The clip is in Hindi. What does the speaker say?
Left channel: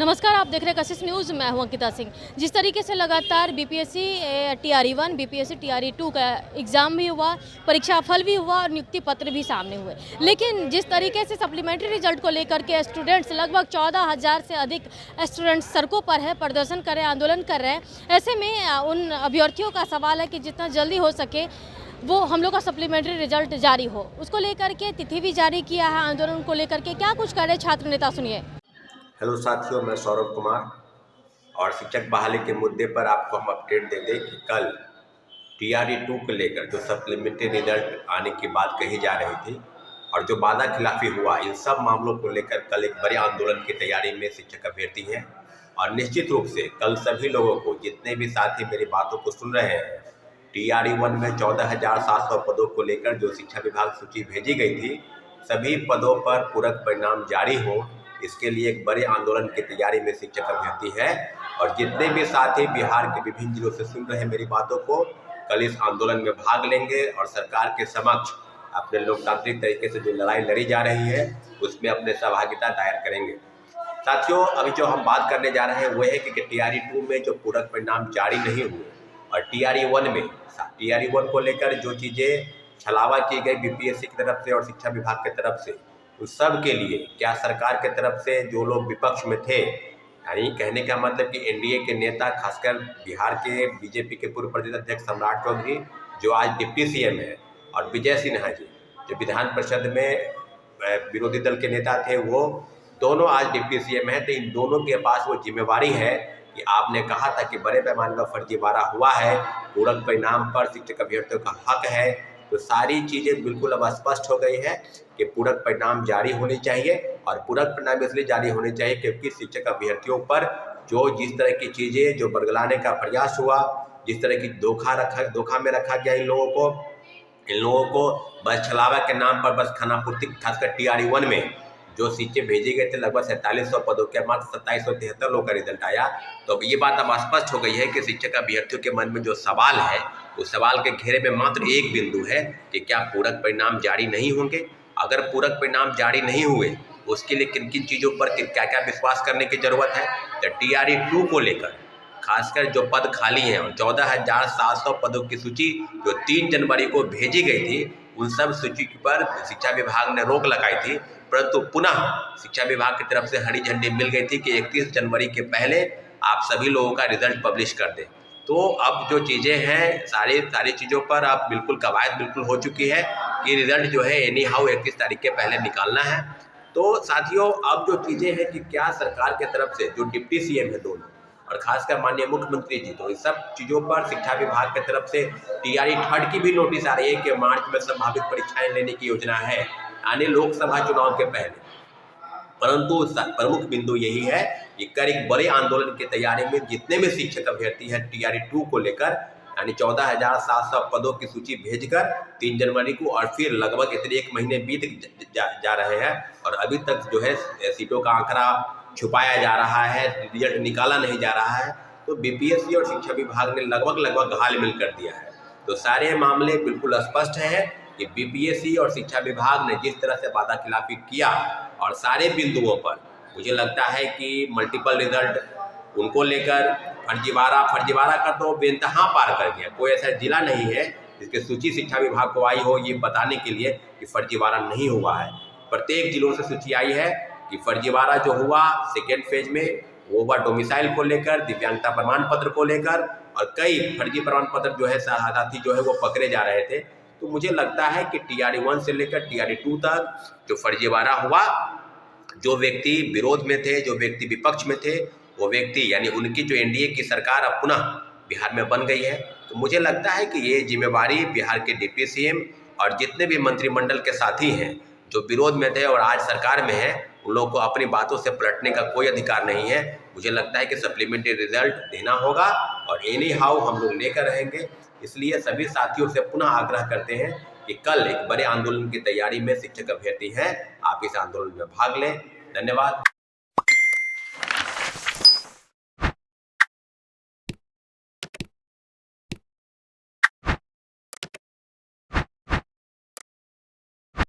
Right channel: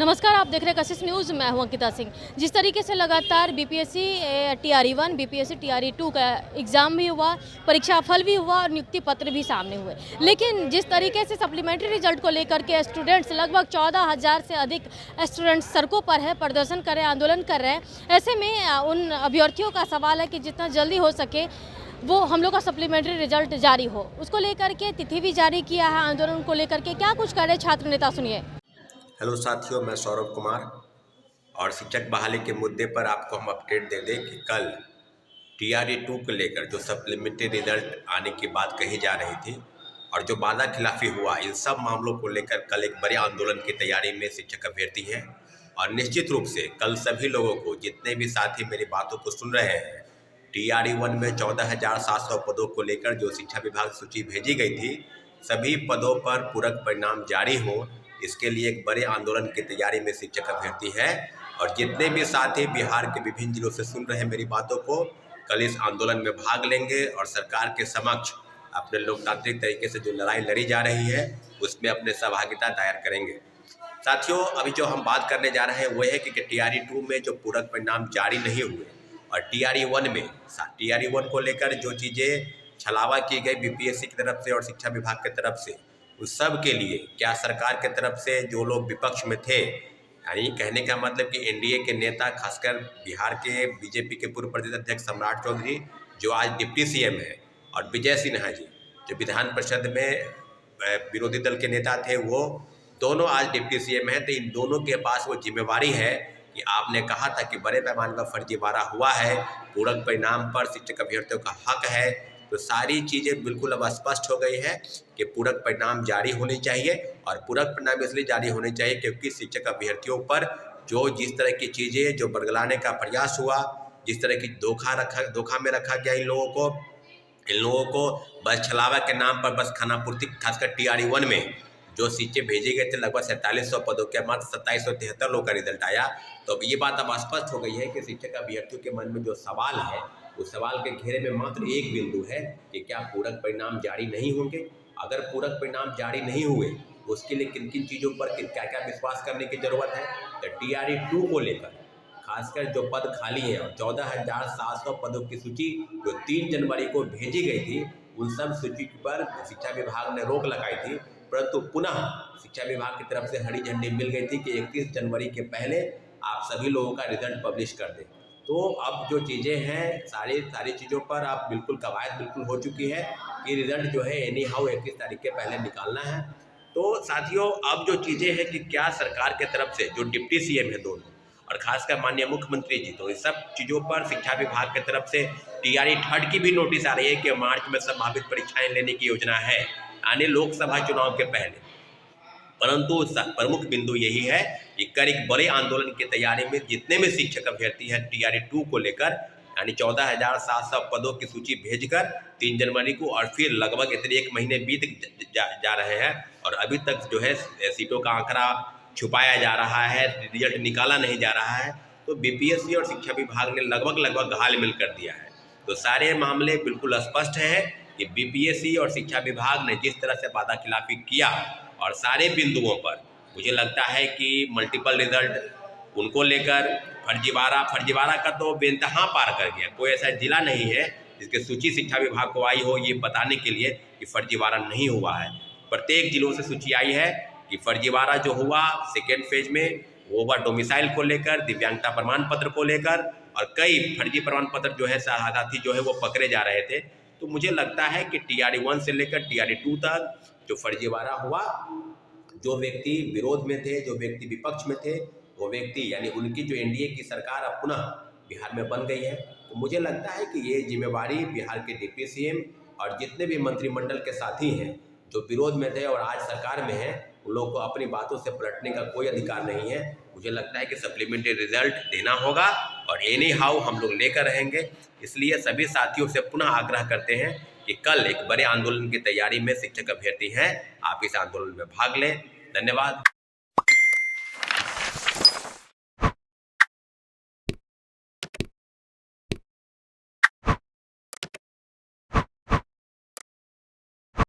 नमस्कार, आप देख रहे हैं कशिश न्यूज़। मैं हूं अंकिता सिंह। जिस तरीके से लगातार बीपीएससी टीआरई 1, बीपीएससी टीआरई 2 का एग्ज़ाम भी हुआ, परीक्षा फल भी हुआ और नियुक्ति पत्र भी सामने हुए। लेकिन जिस तरीके से सप्लीमेंट्री रिजल्ट को लेकर के स्टूडेंट्स लगभग 14,000 से अधिक स्टूडेंट्स सड़कों पर है, प्रदर्शन कर रहे हैं, आंदोलन कर रहे हैं। ऐसे में उन अभ्यर्थियों का सवाल है कि जितना जल्दी हो सके वो हम लोग का सप्लीमेंट्री रिजल्ट जारी हो। उसको लेकर के तिथि भी जारी किया है। आंदोलन को लेकर के क्या कुछ कर रहे छात्र नेता, सुनिए। हेलो साथियों, मैं सौरभ कुमार और शिक्षक बहाली के मुद्दे पर आपको हम अपडेट दे दें कि कल टीआरई 2 को लेकर जो सप्लीमेंट्री रिजल्ट आने की बात कही जा रही थी और जो वादा खिलाफी हुआ, इन सब मामलों को लेकर कल एक बड़े आंदोलन की तैयारी में शिक्षक अभ्यर्थी हैं। और निश्चित रूप से कल सभी लोगों को, जितने भी साथी मेरी बातों को सुन रहे हैं, टीआरई 1 में 14,700 पदों को लेकर जो शिक्षा विभाग सूची भेजी गई थी, सभी पदों पर पूरक परिणाम जारी हो, इसके लिए एक बड़े आंदोलन की तैयारी में शिक्षक अभ्यर्थी है। और जितने भी साथी बिहार के विभिन्न जिलों से सुन रहे हैं मेरी बातों को, कल इस आंदोलन में भाग लेंगे और सरकार के समक्ष अपने लोकतांत्रिक तरीके से जो लड़ाई लड़ी जा रही है उसमें अपने सहभागिता दायर करेंगे। साथियों, अभी जो हम बात करने जा रहे हैं वो है कि टीआरई 2 में जो पूरक परिणाम जारी नहीं हुए और टीआरई 1 में, टीआरई 1 को लेकर जो चीज़ें छलावा की गई बीपीएससी की तरफ से और शिक्षा विभाग की तरफ से, उस सब के लिए क्या सरकार की तरफ से जो लोग विपक्ष में थे, यानी कहने का मतलब कि एनडीए के नेता, खासकर बिहार के बीजेपी के पूर्व प्रदेश अध्यक्ष सम्राट चौधरी जो आज डिप्टी सीएम है, और विजय सिन्हा जी जो विधान परिषद में विरोधी दल के नेता थे, वो दोनों आज डिप्टी सीएम हैं। तो इन दोनों के पास वो जिम्मेवारी है कि आपने कहा था कि बड़े पैमाने पर फर्जीवाड़ा हुआ है, पूरक परिणाम पर शिक्षक अभ्यर्थियों का हक है। तो सारी चीज़ें बिल्कुल अब स्पष्ट हो गई है कि पूरक परिणाम जारी होने चाहिए। और पूरक परिणाम इसलिए जारी होने चाहिए क्योंकि शिक्षक अभ्यर्थियों पर जो जिस तरह की चीज़ें जो बरगलाने का प्रयास हुआ, जिस तरह की धोखा में रखा गया इन लोगों को बस छलावा के नाम पर बस खानापूर्ति, खासकर टीआरई 1 में जो सीटें भेजे गए थे लगभग 4700 पदों के, मात्र 2773 लोगों का रिजल्ट आया। तो अब ये बात अब स्पष्ट हो गई है कि शिक्षक अभ्यर्थियों के मन में जो सवाल है, उस सवाल के घेरे में मात्र एक बिंदु है कि क्या पूरक परिणाम जारी नहीं होंगे। अगर पूरक परिणाम जारी नहीं हुए, उसके लिए किन किन चीज़ों पर क्या क्या विश्वास करने की जरूरत है। तो टीआरई 2 को लेकर खासकर जो पद खाली हैं और 14,700 पदों की सूची जो 3 जनवरी को भेजी गई थी, उन सब सूची पर शिक्षा विभाग ने रोक लगाई थी। परंतु पुनः शिक्षा विभाग की तरफ से हरी झंडी मिल गई थी कि 31 जनवरी के पहले आप सभी लोगों का रिजल्ट पब्लिश कर दें। तो अब जो चीज़ें हैं, सारी चीज़ों पर अब बिल्कुल कवायद बिल्कुल हो चुकी है कि रिजल्ट जो है एनी हाउ 31 तारीख के पहले निकालना है। तो साथियों, अब जो चीज़ें हैं कि क्या सरकार की तरफ से जो डिप्टी सीएम है दोनों, और खासकर माननीय मुख्यमंत्री जी, तो इस सब चीज़ों पर शिक्षा विभाग की तरफ से टीआरई 3 की भी नोटिस आ रही है कि मार्च में संभावित परीक्षाएं लेने की योजना है आने लोकसभा चुनाव के पहले। परंतु प्रमुख बिंदु यही है कि कर एक बड़े आंदोलन की तैयारी में जितने भी शिक्षक अभ्यर्थी हैं टीआरई 2 को लेकर, यानी 14,700 पदों की सूची भेजकर 3 जनवरी को, और फिर लगभग इतने 1 महीने बीत जा रहे हैं और अभी तक जो है सीटों का आंकड़ा छुपाया जा रहा है, रिजल्ट निकाला नहीं जा रहा है। तो बीपीएससी और शिक्षा विभाग ने लगभग घाल-मिल कर दिया है। तो सारे मामले बिल्कुल स्पष्ट हैं कि बीपीएससी और शिक्षा विभाग ने जिस तरह से वादा खिलाफी किया और सारे बिंदुओं पर मुझे लगता है कि मल्टीपल रिजल्ट उनको लेकर फर्जीवाड़ा का तो बेइंतहा पार कर गया। कोई ऐसा जिला नहीं है जिसकी सूची शिक्षा विभाग को आई हो ये बताने के लिए कि फर्जीवाड़ा नहीं हुआ है। प्रत्येक जिलों से सूची आई है कि फर्जीवाड़ा जो हुआ सेकेंड फेज में, वो हुआ डोमिसाइल को लेकर, दिव्यांगता प्रमाण पत्र को लेकर, और कई फर्जी प्रमाण पत्र जो है साथी जो है वो पकड़े जा रहे थे। तो मुझे लगता है कि टीआरई 1 से लेकर टीआरई 2 तक जो फर्जीवाड़ा हुआ, जो व्यक्ति विरोध में थे, जो व्यक्ति विपक्ष में थे, वो व्यक्ति यानी उनकी जो एनडीए की सरकार अब पुनः बिहार में बन गई है। तो मुझे लगता है कि ये जिम्मेवारी बिहार के डिप्टी सीएम और जितने भी मंत्रिमंडल के साथी हैं जो विरोध में थे और आज सरकार में है, उन लोगों को अपनी बातों से पलटने का कोई अधिकार नहीं है। मुझे लगता है कि सप्लीमेंट्री रिजल्ट देना होगा और एनी हाउ हम लोग लेकर रहेंगे। इसलिए सभी साथियों से पुनः आग्रह करते हैं कि कल एक बड़े आंदोलन की तैयारी में शिक्षक अभ्यर्थी हैं, आप इस आंदोलन में भाग लें। धन्यवाद।